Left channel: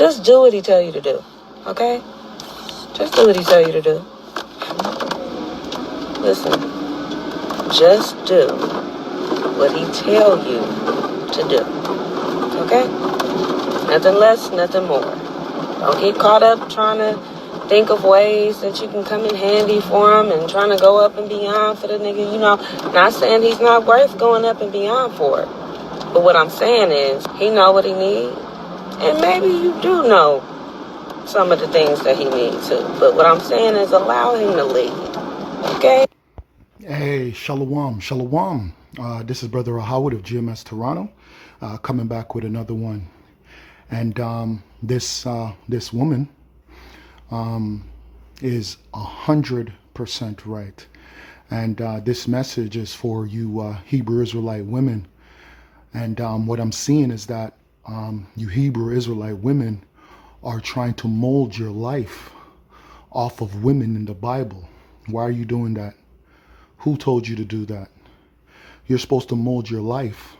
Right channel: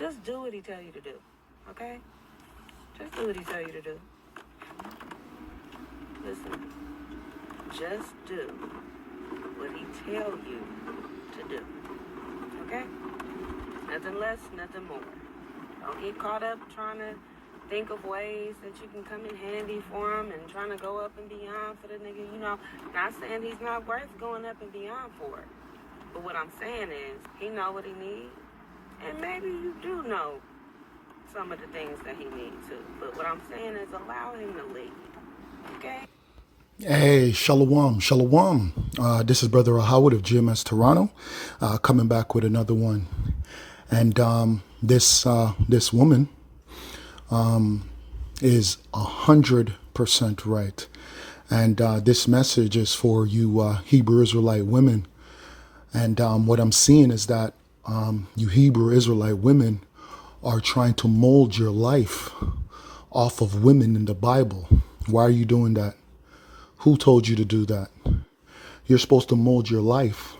Just do what he tell you to do, okay? Just do what he tell you to do. Listen, just do what he tell you to do, okay? Nothing less, nothing more. Don't get caught up trying to think of ways that you can come in handy for him and trying to go up and beyond for the nigga. You know, not saying he's not worth going up and beyond for. But what I'm saying is, he know what he needs. And maybe you do know some of the things that he needs too. But what I'm saying is allow him to lead. Okay? Hey, shalom, shalom. This is Brother Howard of GMS Toronto, coming back with another one. And this woman is 100% right. And this message is for you Hebrew Israelite women. And what I'm seeing is that you Hebrew Israelite women are trying to mold your life off of women in the Bible. Why are you doing that? Who told you to do that? You're supposed to mold your life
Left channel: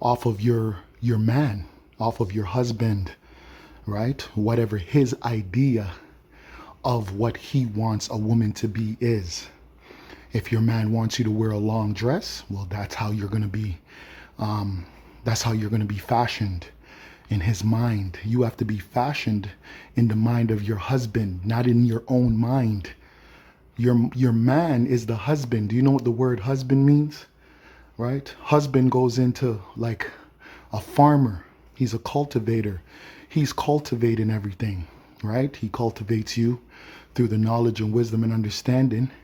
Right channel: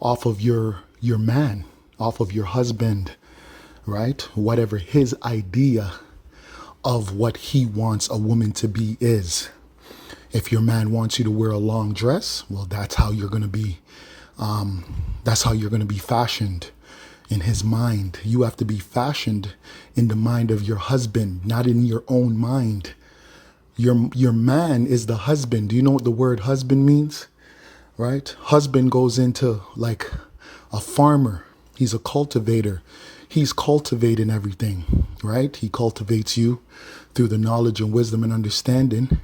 off of your man, off of your husband, right? Whatever his idea of what he wants a woman to be is. If your man wants you to wear a long dress, well, that's how you're going to be. That's how you're going to be fashioned in his mind. You have to be fashioned in the mind of your husband, not in your own mind. Your man is the husband. Do you know what the word husband means? Right? Husband goes into like a farmer. He's a cultivator. He's cultivating everything, right? He cultivates you through the knowledge and wisdom and understanding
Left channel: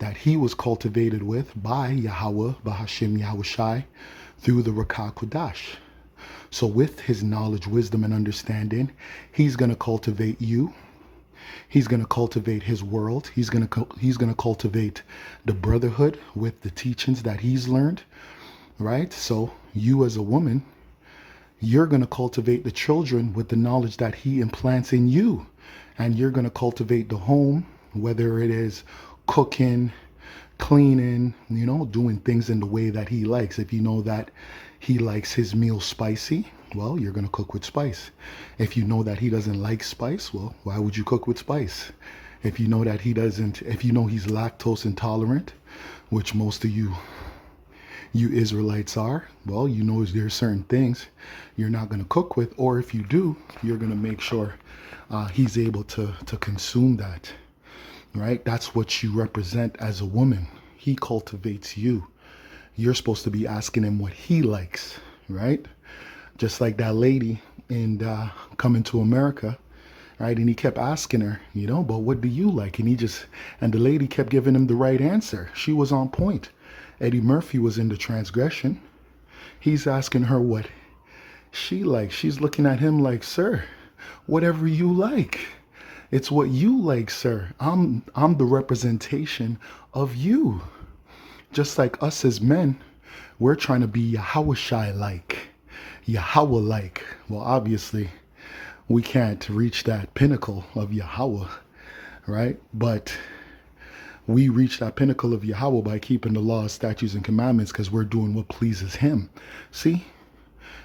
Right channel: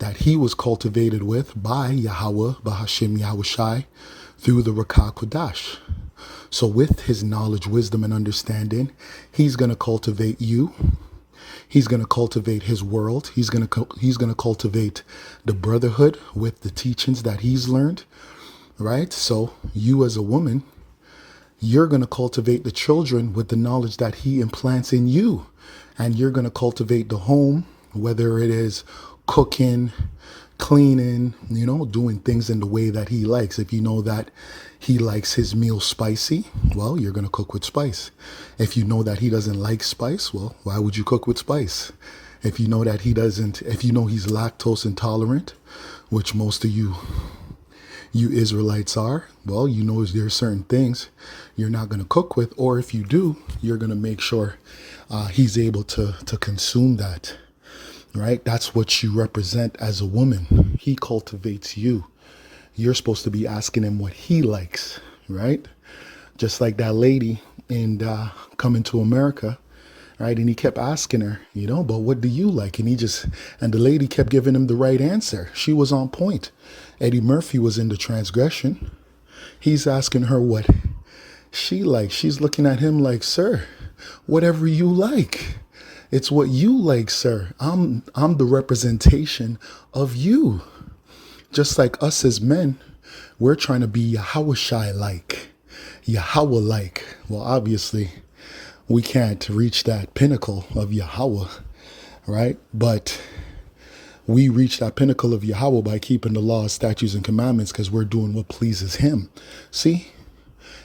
that he was cultivated with by Yahweh, Bahashim Yahushai, through the Rakah Kodash. So with his knowledge, wisdom, and understanding, he's going to cultivate you. He's going to cultivate his world. He's going to cultivate the brotherhood with the teachings that he's learned, right? So you as a woman, you're going to cultivate the children with the knowledge that he implants in you. And you're going to cultivate the home, whether it is cooking, cleaning, doing things in the way that he likes. If you know that he likes his meal spicy, well, you're going to cook with spice. If you know that he doesn't like spice, well, why would you cook with spice? If you know that if you know he's lactose intolerant, which most of you Israelites are, well, you know there's certain things you're not going to cook with, or if you do, you're going to make sure he's able to consume that, right? That's what you represent as a woman. He cultivates you. You're supposed to be asking him what he likes, right? Just like that lady in Coming to America, right? And he kept asking her, but what do you like? And the lady kept giving him the right answer. She was on point. Eddie Murphy was in the transgression. He's asking her what she likes. She's looking at him like, sir, whatever you like. It's what you like, sir. I'm the representation of you. Just like us as men, we're trying to be Yahushai-like, Yahweh-like. Well, obviously, we can't reach that pinnacle of Yahweh, right? But we reach that pinnacle of Yahweh by keeping the laws, statutes, and commandments because we're doing what pleases him. See?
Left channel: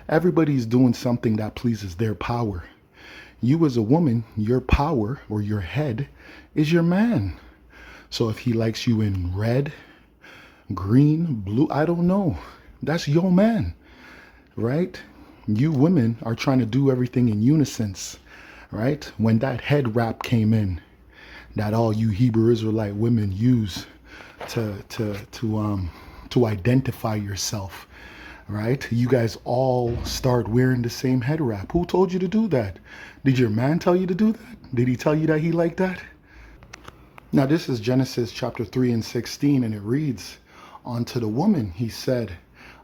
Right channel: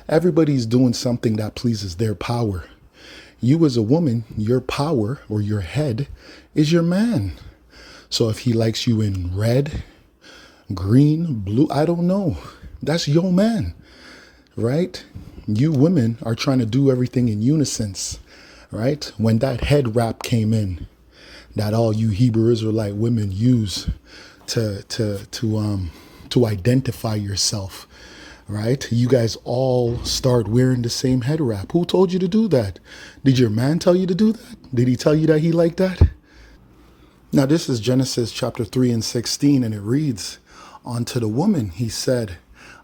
Everybody's doing something that pleases their power. You as a woman, your power or your head is your man. So if he likes you in red, green, blue, I don't know. That's your man, right? You women are trying to do everything in unison, right? When that head wrap came in, that all you Hebrew Israelite women use to identify yourself, right? You guys all start wearing the same head wrap. Who told you to do that? Did your man tell you to do that? Did he tell you that he liked that? Now, this is Genesis chapter 3 and 16, and it reads, unto the woman he said,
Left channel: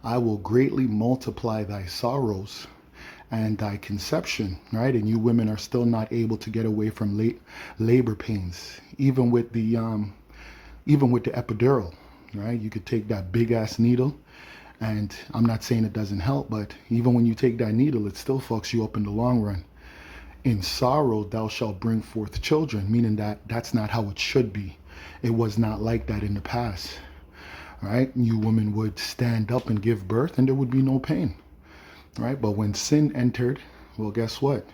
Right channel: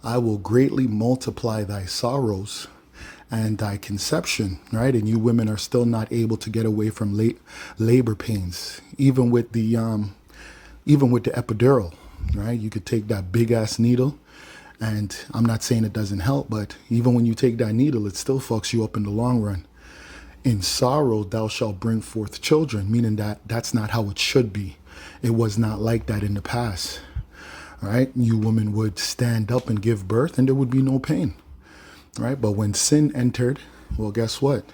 I will greatly multiply thy sorrows and thy conception, right? And you women are still not able to get away from labor pains, even with the epidural, right? You could take that big ass needle, and I'm not saying it doesn't help, but even when you take that needle, it still fucks you up in the long run. In sorrow thou shalt bring forth children, meaning that that's not how it should be. It was not like that in the past. Right? You women would stand up and give birth and there would be no pain, right? But when sin entered, well, guess what?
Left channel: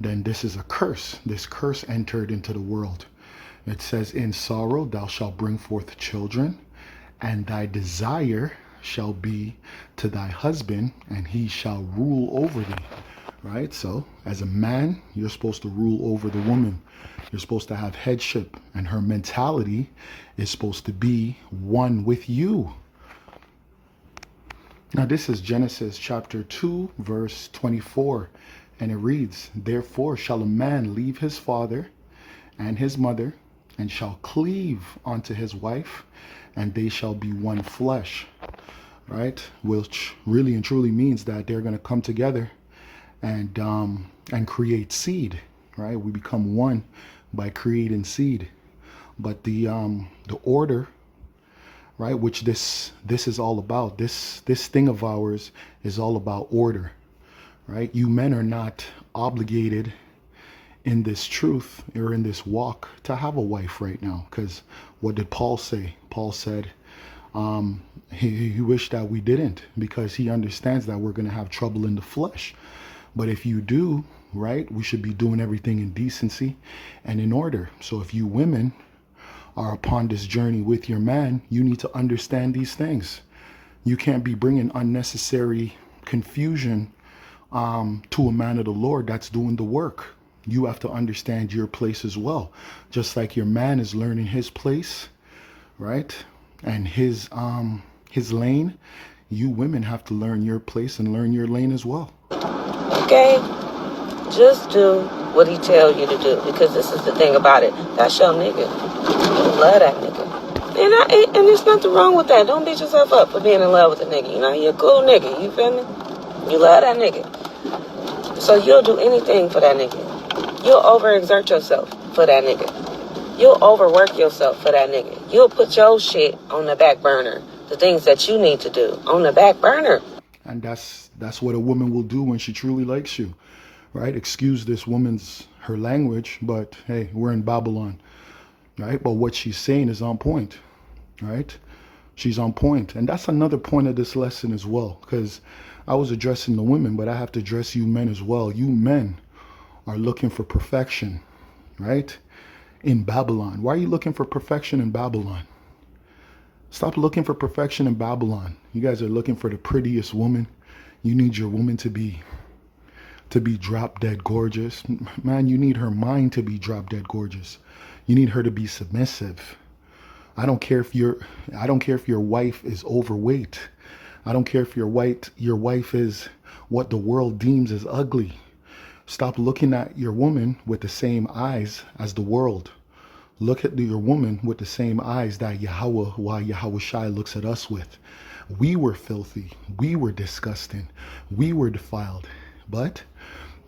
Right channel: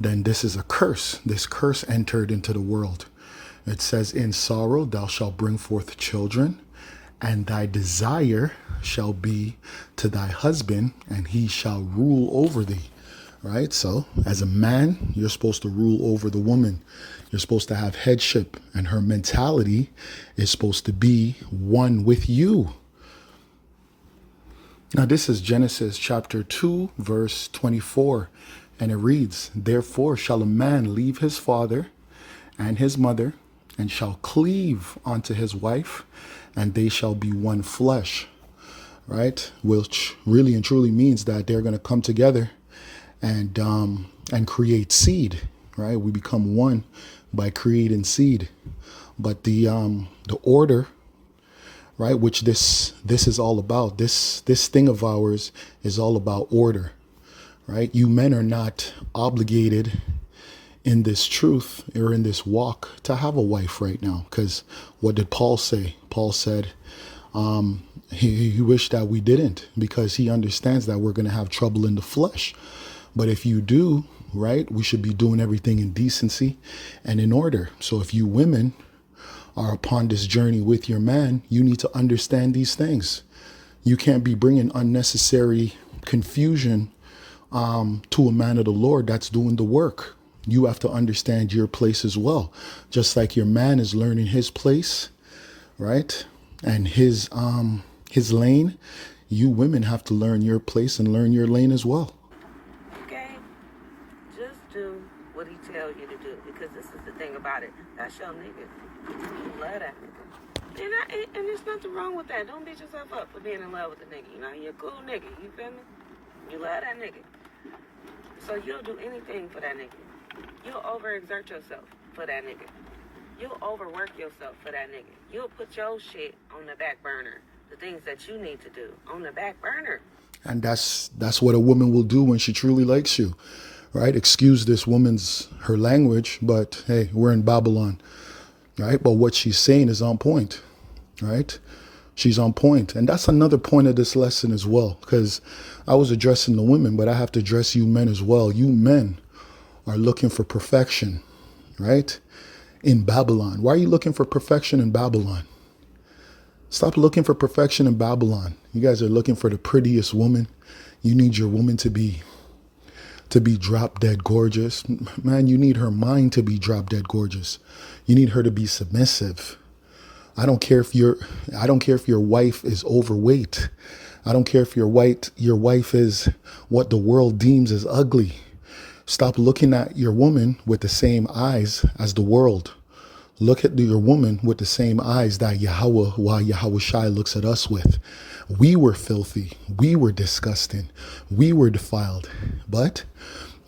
then this is a curse. This curse entered into the world. It says, in sorrow thou shalt bring forth children, and thy desire shall be to thy husband, and he shall rule over thee. Right? So as a man, you're supposed to rule over the woman. You're supposed to have headship, and her mentality is supposed to be one with you. Now, this is Genesis chapter 2, verse 24, and it reads, therefore shall a man leave his father and his mother, and shall cleave unto his wife, and they shall be one flesh. Right? Which really and truly means that they're going to come together and create seed. Right? We become one by creating seed. But the order, right, which this is all about, this thing of ours is all about order. Right? You men are not obligated in this truth or in this walk to have a wife right now. Because what did Paul say? Paul said he wished that we didn't, because he understands that we're going to have trouble in the flesh. But if you do, right, we should be doing everything in decency and in order. So if you women are upon this journey with your man, you need to understand these things. You can't be bringing unnecessary confusion to a man of the Lord that's doing the work. You have to understand your place as well. Just like your man is learning his place, right? And his lane, you women have to learn your place and learn your lane as well. Okay? Just do what he tells you to do, because this is the thing about it. That's your nigga. You love that nigga. And there's nothing wrong with that. Don't beat yourself up for being in love with a nigga. You know, you're a cool nigga. You feel me? You love that nigga. So you'll do anything for that nigga. You'll overexert yourself for that nigga. You'll overwork yourself for that nigga. You'll put your shit on the back burner. The things that you need to do on the back burner. And that's what a woman will do when she truly likes you, right? Excuse this woman's, her language, but hey, we're in Babylon, right? But what she's saying is on point, right? She's on point. And that's another point of this lesson as well, because I was addressing the women, but I have to address you men as well. You men are looking for perfection, right? In Babylon. Why are you looking for perfection in Babylon? Stop looking for perfection in Babylon. You guys are looking for the prettiest woman. You need your woman to be drop dead gorgeous. Man, you need her mind to be drop dead gorgeous. You need her to be submissive. I don't care if your wife is overweight. I don't care if your wife is what the world deems as ugly. Stop looking at your woman with the same eyes as the world. Look at your woman with the same eyes that Yahweh Shai looks at us with. We were filthy. We were disgusting. We were defiled. But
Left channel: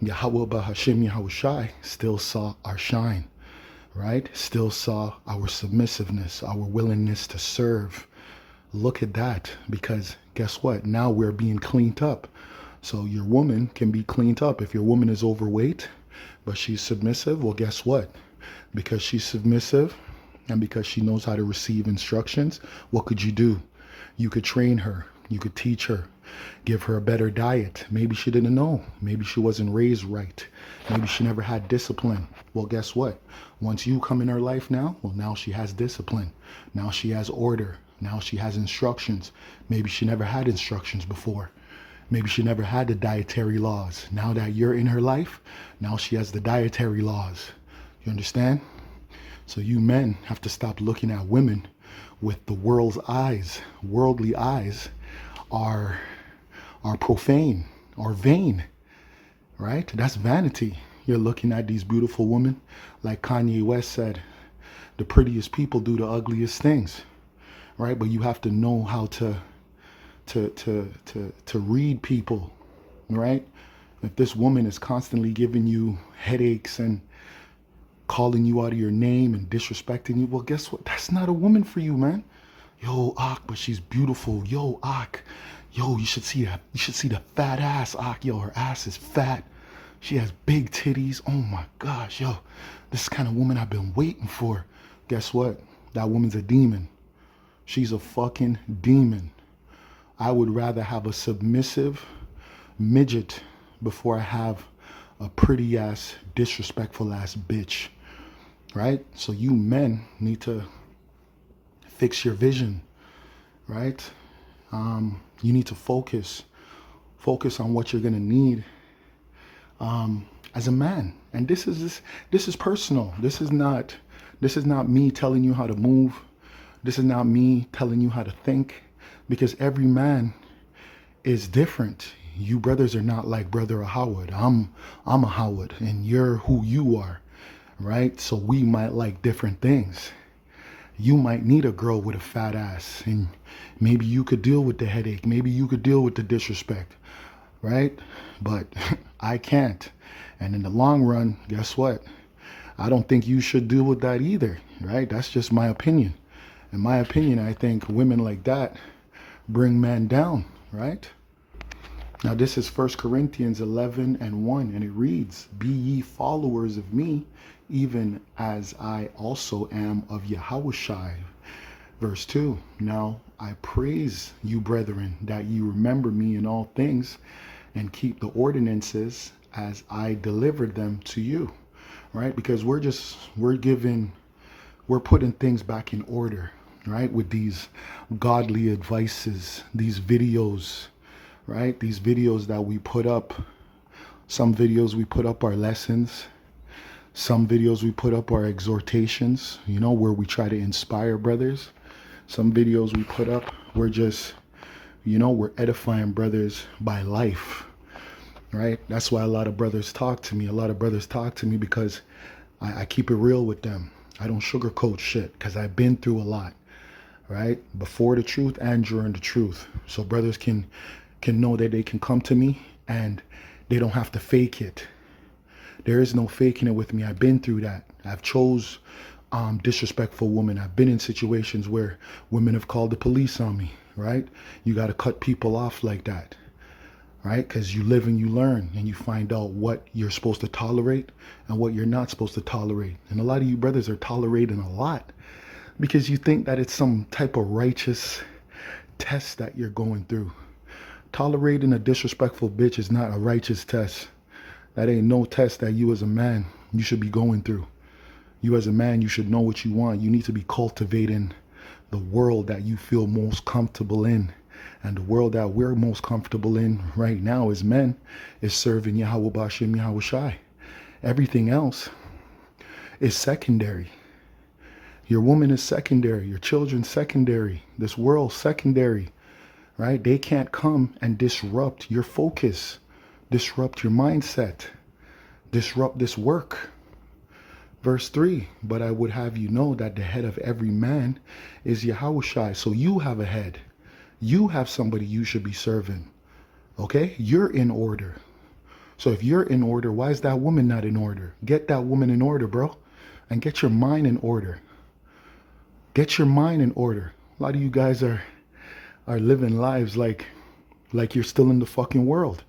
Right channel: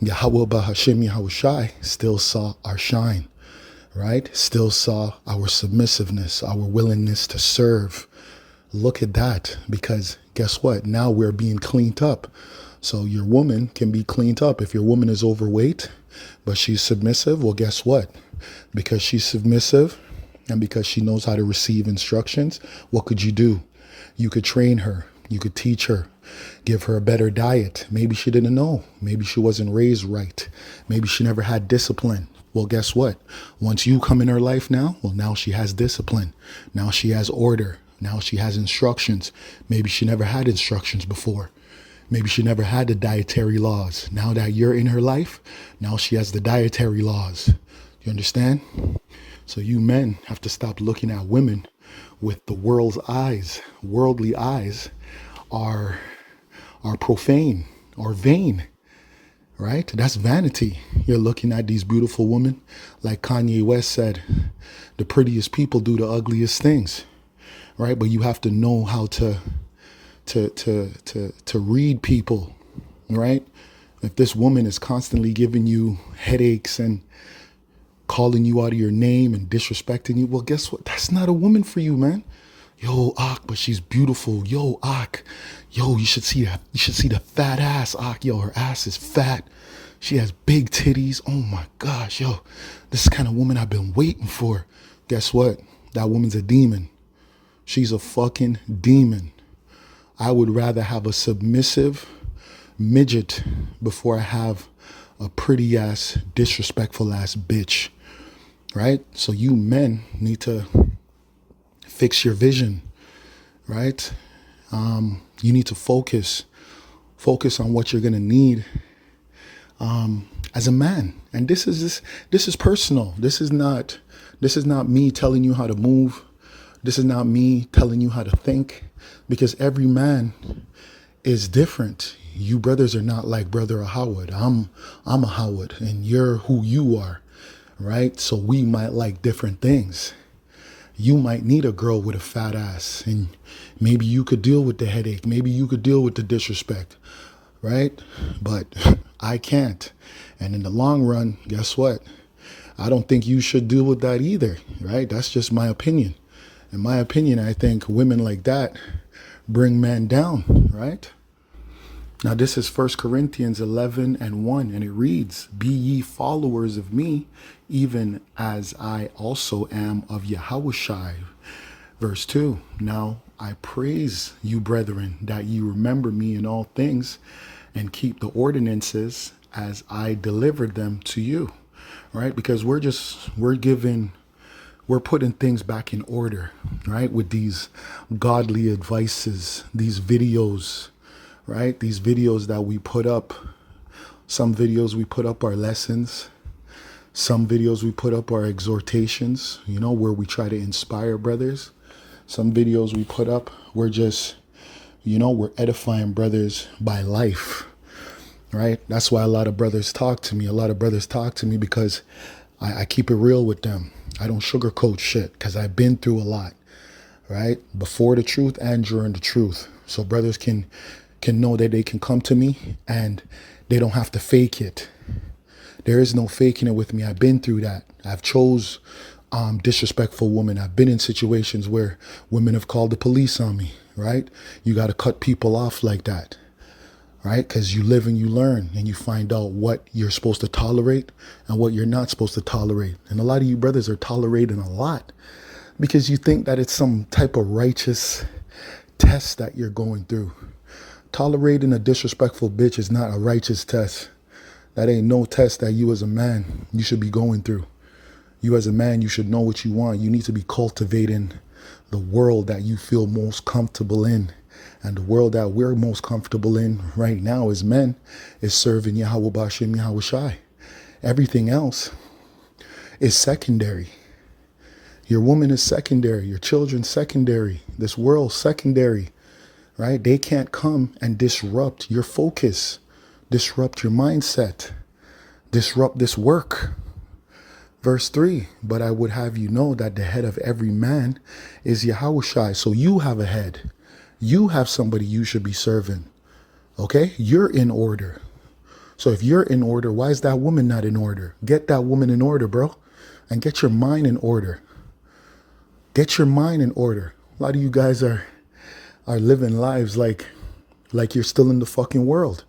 Yahweh Bahashim Yahweh Shai still saw our shine, right? Still saw our submissiveness, our willingness to serve. Look at that, because guess what? Now we're being cleaned up. So your woman can be cleaned up. If your woman is overweight, but she's submissive, well, guess what? Because she's submissive and because she knows how to receive instructions, what could you do? You could train her. You could teach her. Give her a better diet. Maybe she didn't know. Maybe she wasn't raised right. Maybe she never had discipline. Well, guess what? Once you come in her life now, well, now she has discipline. Now she has order. Now she has instructions. Maybe she never had instructions before. Maybe she never had the dietary laws. Now that you're in her life, now she has the dietary laws. You understand? So you men have to stop looking at women with the world's eyes. Worldly eyes are profane or vain, right? That's vanity. You're looking at these beautiful women. Like Kanye West said, the prettiest people do the ugliest things, right? But you have to know how to read people, right? If this woman is constantly giving you headaches and calling you out of your name and disrespecting you, well, guess what? That's not a woman for you, man. Yo, Ak, but she's beautiful. Yo, Ak. Yo, you should see that. You should see the fat ass, Ak. Yo, her ass is fat. She has big titties. Oh my gosh, yo. This is the kind of woman I've been waiting for. Guess what? That woman's a demon. She's a fucking demon. I would rather have a submissive midget before I have a pretty ass, disrespectful ass bitch, right? So you men need to fix your vision, right? You need to focus on what you're gonna need as a man. And this is personal. This is not me telling you how to move. This is not me telling you how to think, because every man is different. You brothers are not like brother Howard. I'm a Howard and you're who you are, right? So we might like different things. You might need a girl with a fat ass, and maybe you could deal with the headache. Maybe you could deal with the disrespect, right? But I can't. And in the long run, guess what? I don't think you should deal with that either, right? That's just my opinion. In my opinion, I think women like that bring men down, right? Now, this is 1 Corinthians 11:1, and it reads, "Be ye followers of me, even as I also am of Yahushua." Verse 2, "Now I praise you, brethren, that you remember me in all things, and keep the ordinances as I delivered them to you." Right? Because we're putting things back in order, right? With these godly advices, these videos, right? These videos that we put up. Some videos we put up our lessons. Some videos we put up our exhortations, where we try to inspire brothers. Some videos we put up, we're just, we're edifying brothers by life, right? That's why a lot of brothers talk to me. A lot of brothers talk to me because I keep it real with them. I don't sugarcoat shit because I've been through a lot, right? Before the truth and during the truth. So brothers can know that they can come to me and they don't have to fake it. There is no faking it with me. I've been through that. I've chose disrespectful women. I've been in situations where women have called the police on me, right? You got to cut people off like that, right? Because you live and you learn and you find out what you're supposed to tolerate and what you're not supposed to tolerate. And a lot of you brothers are tolerating a lot because you think that it's some type of righteous test that you're going through. Tolerating a disrespectful bitch is not a righteous test. That ain't no test that you as a man, you should be going through. You as a man, you should know what you want. You need to be cultivating the world that you feel most comfortable in. And the world that we're most comfortable in right now as men is serving Yahweh Bashim Yahweh Shai. Everything else is secondary. Your woman is secondary. Your children secondary. This world secondary, right? They can't come and disrupt your focus, disrupt your mindset, disrupt this work. Verse 3, "But I would have you know that the head of every man is Yahushua." So you have a head. You have somebody you should be serving. Okay? You're in order. So if you're in order, why is that woman not in order? Get that woman in order, bro. And get your mind in order. Get your mind in order. A lot of you guys are living lives like you're still in the fucking world.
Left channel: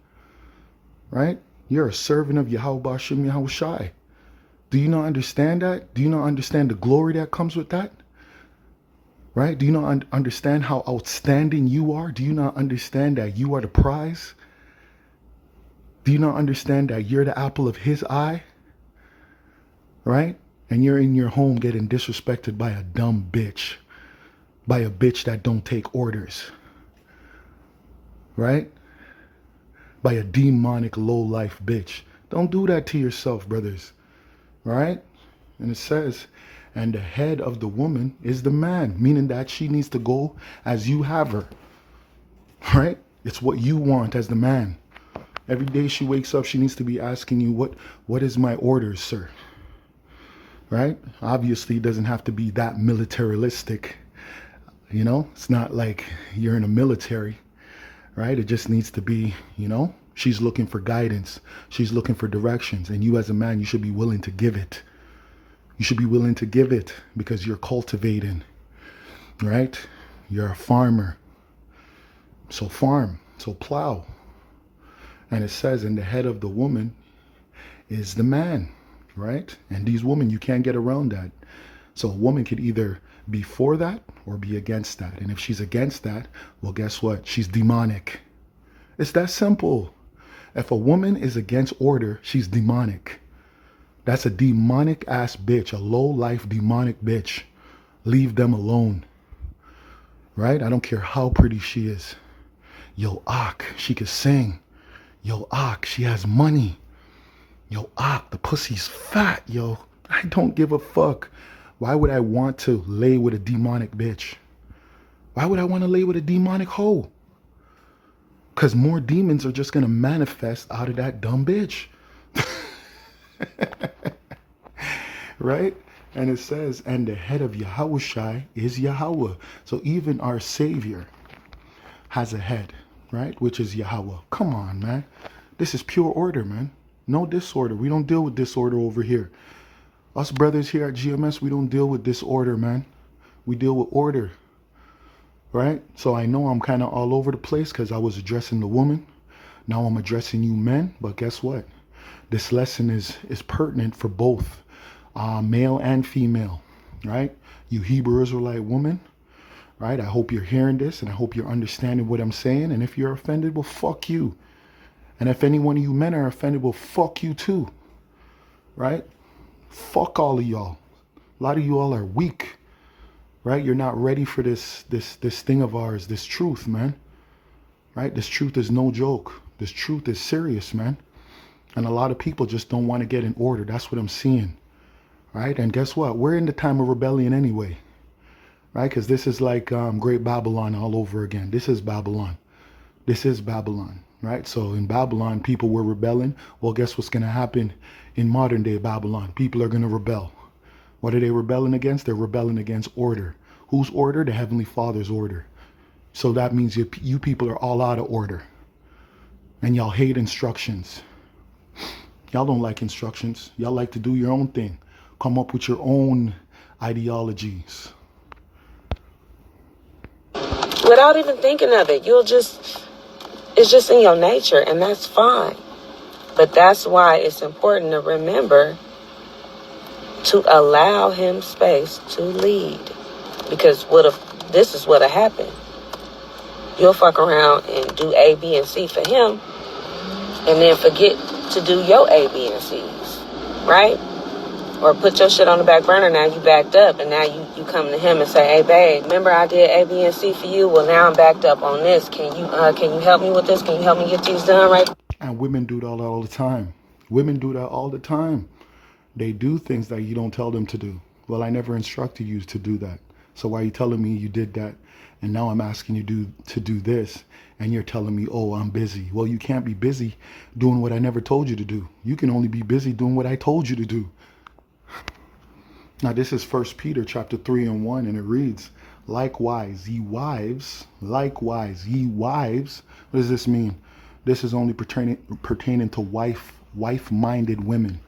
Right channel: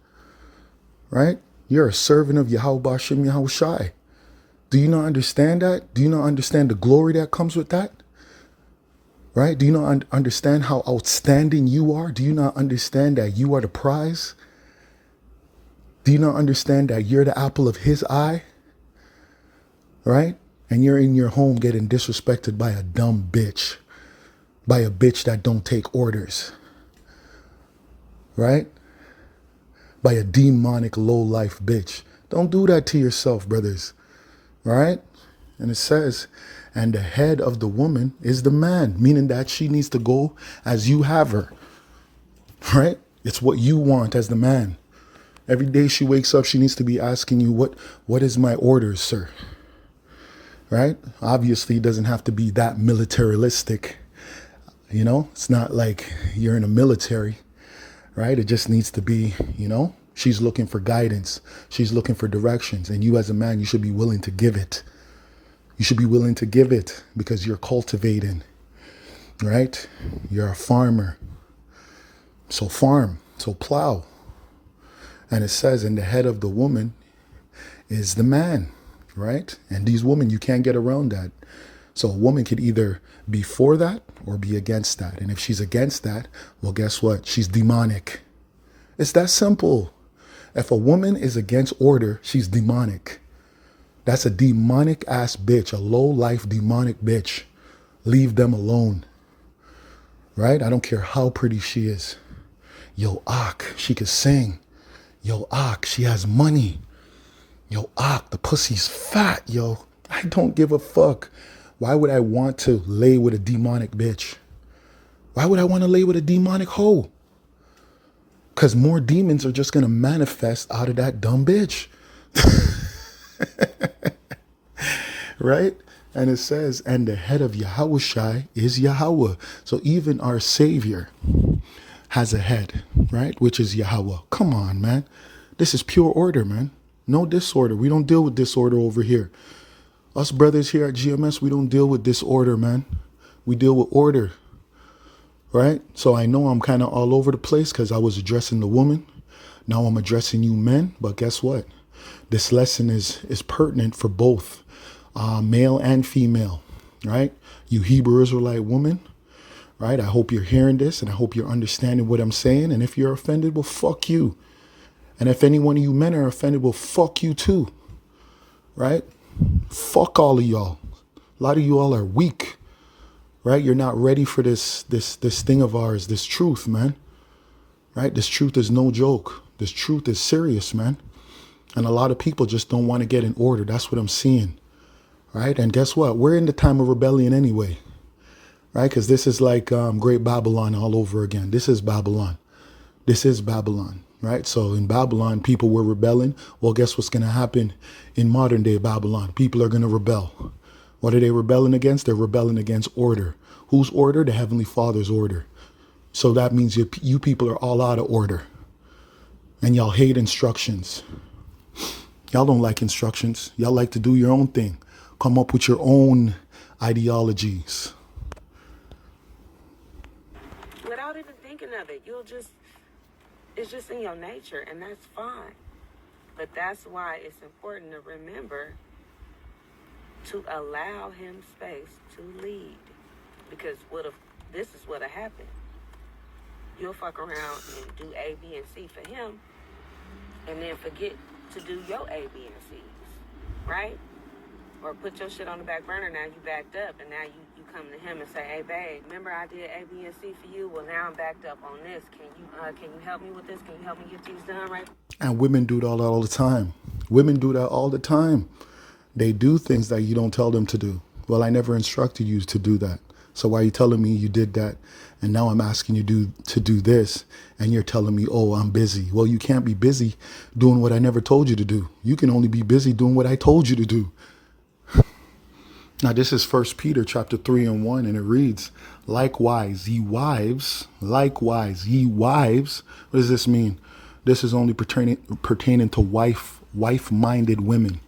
Right? You're a servant of Yahweh Bashim Yahweh Shai. Do you not understand that? Do you not understand the glory that comes with that? Right? Do you not understand how outstanding you are? Do you not understand that you are the prize? Do you not understand that you're the apple of his eye? Right? And you're in your home getting disrespected by a dumb bitch. By a bitch that don't take orders. Right? By a demonic low-life bitch. Don't do that to yourself, brothers. Right? And it says, "And the head of the woman is the man," meaning that she needs to go as you have her. Right? It's what you want as the man. Every day she wakes up, she needs to be asking you, what is my orders, sir? Right? Obviously, it doesn't have to be that militaristic. It's not like you're in a military, right? It just needs to be, she's looking for guidance. She's looking for directions. And you as a man, you should be willing to give it. You should be willing to give it because you're cultivating, right? You're a farmer. So farm, so plow. And it says, "And the head of the woman is the man," right? And these women, you can't get around that. So a woman could either be for that or be against that. And if she's against that, well, guess what? She's demonic. It's that simple. If a woman is against order, she's demonic. That's a demonic ass bitch, a low life demonic bitch. Leave them alone. Right? I don't care how pretty she is. Yo, she could sing. Yo, she has money. Yo, the pussy's fat, yo. I don't give a fuck. Why would I want to lay with a demonic bitch? Why would I want to lay with a demonic hoe? Because more demons are just going to manifest out of that dumb bitch. Right? And it says, and the head of Yahushai is Yahweh. So even our Savior has a head, right? Which is Yahweh. Come on, man. This is pure order, man. No disorder. We don't deal with disorder over here. Us brothers here at GMS, we don't deal with disorder, man. We deal with order, right? So I know I'm kind of all over the place because I was addressing the woman. Now I'm addressing you men. But guess what? This lesson is pertinent for both male and female, right? You Hebrew Israelite woman, right? I hope you're hearing this and I hope you're understanding what I'm saying. And if you're offended, well, fuck you. And if any one of you men are offended, well, fuck you too, right? Fuck all of y'all. A lot of you all are weak, right? You're not ready for this thing of ours, this truth, man, right? This truth is no joke. This truth is serious, man. And a lot of people just don't want to get in order. That's what I'm seeing, right? And guess what? We're in the time of rebellion anyway, right? Because this is like Great Babylon all over again. This is Babylon. This is Babylon, right? So in Babylon, people were rebelling. Well, guess what's going to happen in modern day Babylon? People are going to rebel. What are they rebelling against? They're rebelling against order. Whose order? The Heavenly Father's order. So that means you people are all out of order. And y'all hate instructions. Y'all don't like instructions. Y'all like to do your own thing. Come up with your own ideologies. Without even thinking of it, it's just in your nature, and that's fine. But that's why it's important to remember to allow him space to lead. Because this is what'll happen. You'll fuck around and do A, B, and C for him, and then forget to do your A, B, and C's, right? Or put your shit on the back burner. Now you backed up, and now you come to him and say, "Hey, babe, remember I did A, B, and C for you? Well, now I'm backed up on this. Can you help me with this? Can you help me get these done right?" And women do that all the time. Women do that all the time. They do things that you don't tell them to do. Well, I never instructed you to do that. So why are you telling me you did that? And now I'm asking you to do this. And you're telling me, oh, I'm busy. Well, you can't be busy doing what I never told you to do. You can only be busy doing what I told you to do. Now, this is 1 Peter chapter 3:1, and it reads, likewise, ye wives. What does this mean? This is only pertaining to wife-minded women.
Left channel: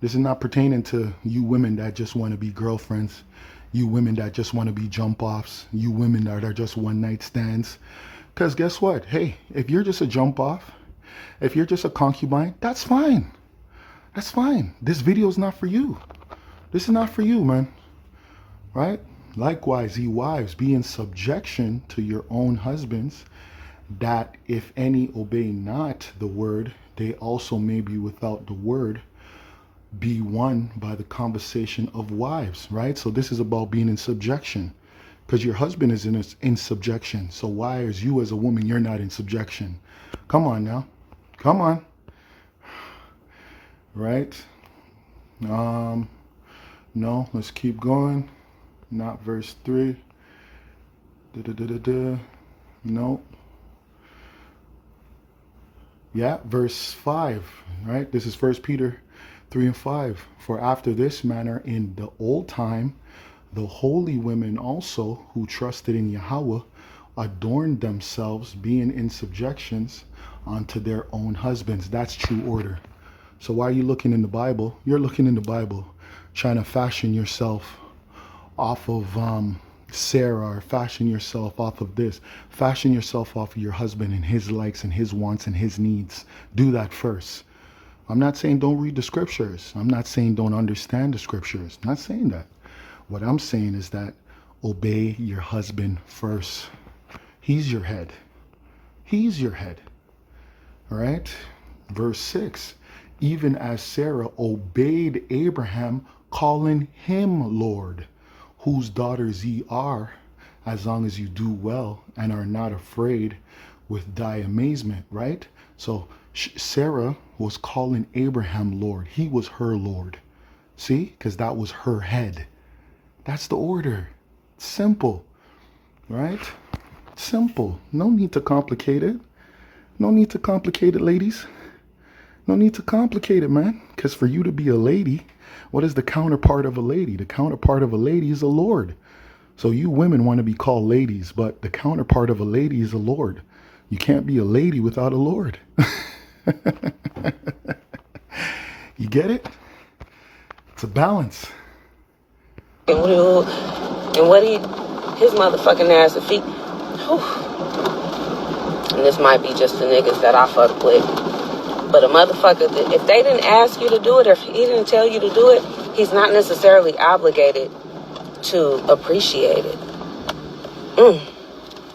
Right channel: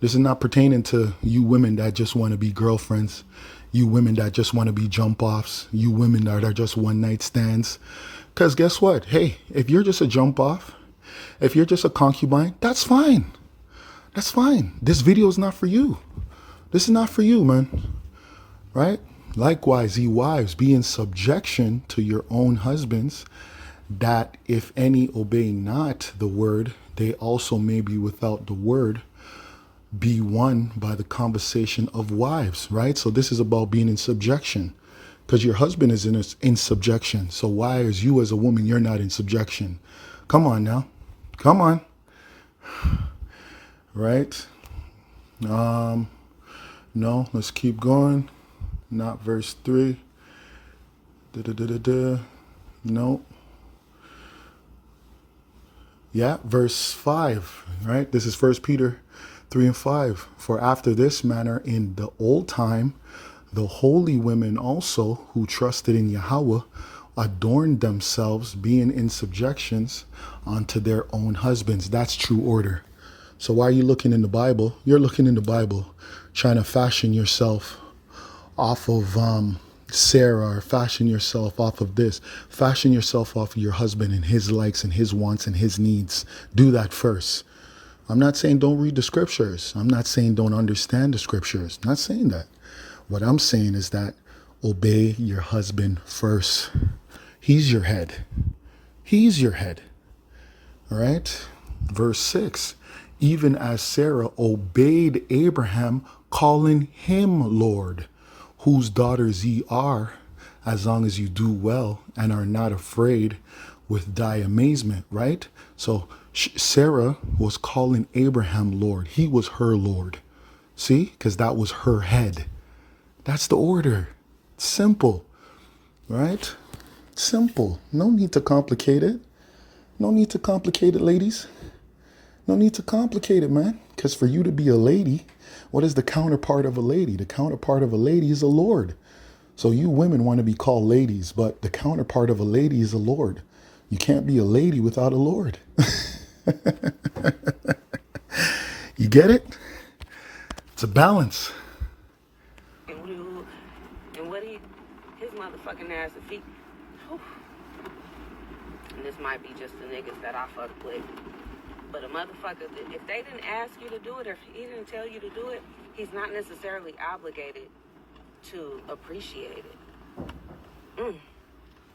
This is not pertaining to you women that just want to be girlfriends, you women that just want to be jump-offs, you women that are just one-night stands. Because guess what? Hey, if you're just a jump-off, if you're just a concubine, that's fine. That's fine. This video is not for you. This is not for you, man. Right? Likewise, ye wives, be in subjection to your own husbands, that if any obey not the word, they also may be without the word, be won by the conversation of wives, right? So this is about being in subjection, because your husband is in subjection. So why, as you as a woman, you're not in subjection? Come on now. Come on. Right? No, let's keep going. Not verse 3. No. Yeah, verse 5, right? This is 1 Peter 3:5. For after this manner in the old time, the holy women also who trusted in Yahweh adorned themselves, being in subjections unto their own husbands. That's true order. So why are you looking in the Bible? You're looking in the Bible, trying to fashion yourself off of Sarah, or fashion yourself off of this. Fashion yourself off of your husband and his likes and his wants and his needs. Do that first. I'm not saying don't read the scriptures. I'm not saying don't understand the scriptures. I'm not saying that. What I'm saying is that obey your husband first. He's your head. He's your head. All right? Verse 6, even as Sarah obeyed Abraham, calling him Lord, whose daughters ye are, as long as you do well and are not afraid with thy amazement, right? So Sarah was calling Abraham Lord. He was her Lord. See? Because that was her head. That's the order. Simple, right? Simple. No need to complicate it. No need to complicate it, ladies. No need to complicate it, man. Because for you to be a lady, what is the counterpart of a lady? The counterpart of a lady is a lord. So you women want to be called ladies, but the counterpart of a lady is a lord. You can't be a lady without a lord. You get it? It's a balance. And his motherfucking ass, if he, whew. And this might be just the niggas that I fuck with. But a motherfucker, if they didn't ask you to do it, or if he didn't tell you to do it, he's not necessarily obligated to appreciate it.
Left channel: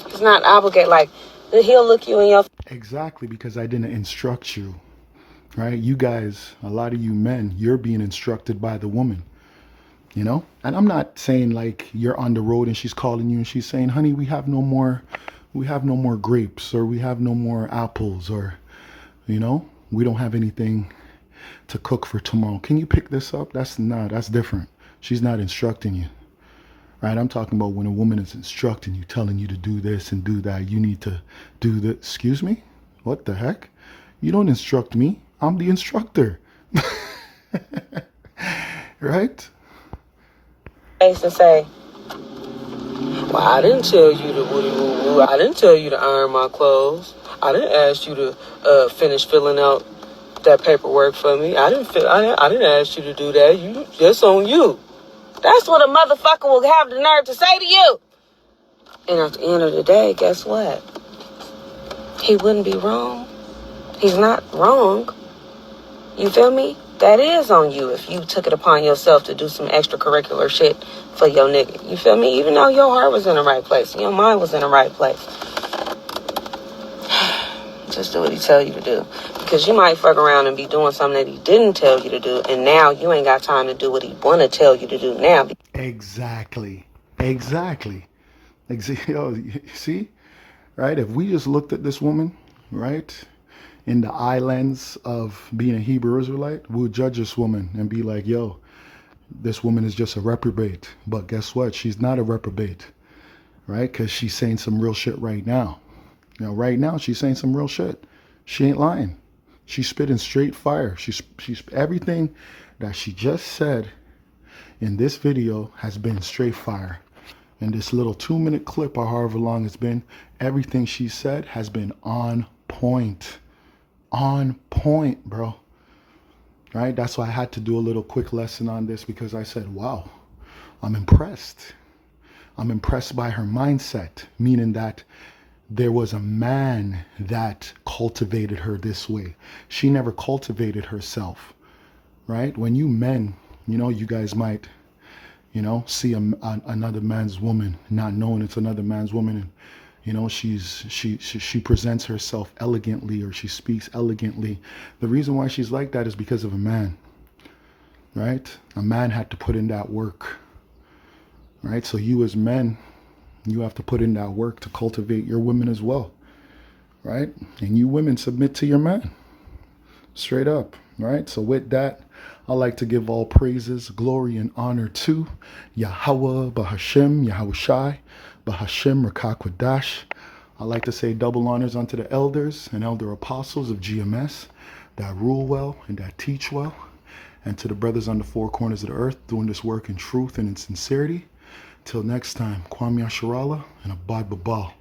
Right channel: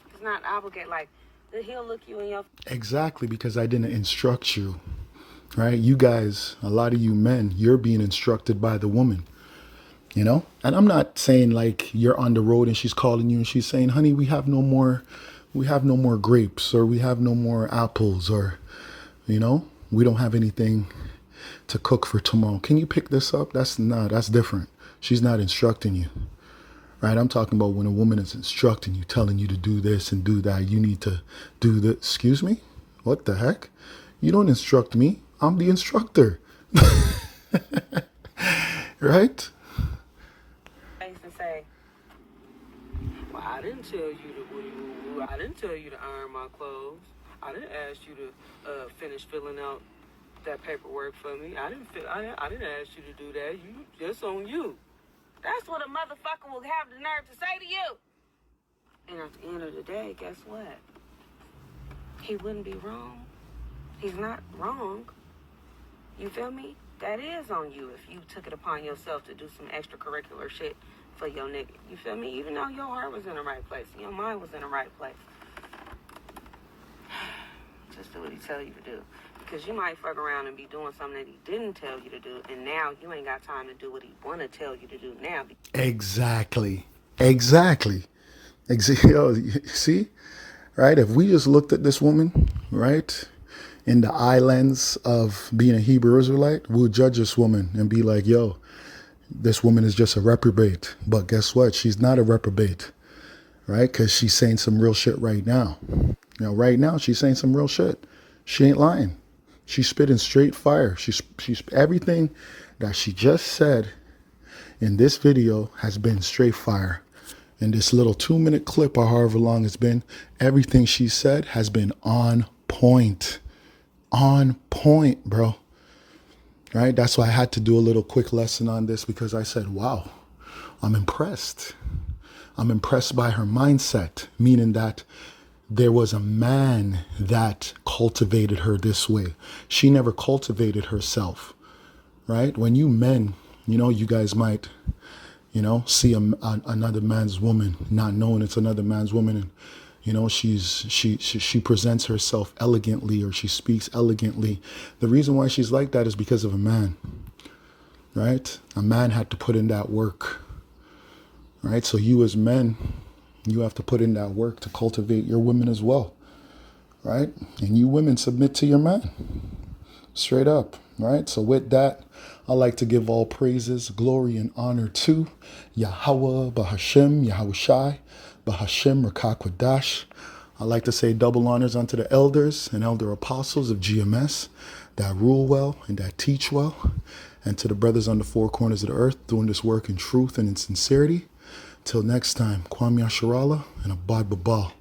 He's not obligated, like, he'll look you in your... Exactly, because I didn't instruct you, right? You guys, a lot of you men, you're being instructed by the woman, you know? And I'm not saying like you're on the road and she's calling you and she's saying, honey, we have no more grapes, or we have no more apples, or, you know, we don't have anything to cook for tomorrow. Can you pick this up? That's different. She's not instructing you, right? I'm talking about when a woman is instructing you, telling you to do this and do that. You need to do this. Excuse me? What the heck? You don't instruct me. I'm the instructor. Right? face and say, well, I didn't tell you to woo-woo. I didn't tell you to iron my clothes. I didn't ask you to finish filling out that paperwork for me. I didn't ask you to do that. That's on you. That's what a motherfucker will have the nerve to say to you. And at the end of the day, guess what? He wouldn't be wrong. He's not wrong. You feel me? That is on you if you took it upon yourself to do some extracurricular shit for your nigga. You feel me? Even though your heart was in the right place, your mind was in the right place. Just do what he tell you to do. Because you might fuck around and be doing something that he didn't tell you to do, and now you ain't got time to do what he want to tell you to do now. Exactly. Yo, see? Right? If we just looked at this woman, right, in the eye lens of being a Hebrew Israelite, we would judge this woman and be like, yo, this woman is just a reprobate. But guess what? She's not a reprobate, right? Because she's saying some real shit right now. Now, right now, she's saying some real shit. She ain't lying. She's spitting straight fire. She's everything that she just said in this video has been straight fire. In this little 2-minute clip or however long it's been, everything she said has been on point. On point, bro. Right? That's why I had to do a little quick lesson on this, because I said, wow, I'm impressed. I'm impressed by her mindset, meaning that there was a man that cultivated her this way. She never cultivated herself, right? When you men, you guys might, see another man's woman, not knowing it's another man's woman, and she presents herself elegantly, or she speaks elegantly. The reason why she's like that is because of a man, right? A man had to put in that work, right? So you as men, you have to put in that work to cultivate your women as well, right? And you women submit to your man, straight up, right? So with that, I like to give all praises, glory, and honor to Yahweh, Bahashem, Yahushai, Bahashem, Rakakwadash. I like to say double honors unto the elders and elder apostles of GMS that rule well and that teach well, and to the brothers on the four corners of the earth doing this work in truth and in sincerity. Till next time, Kwam Yasharala and Abad Babal.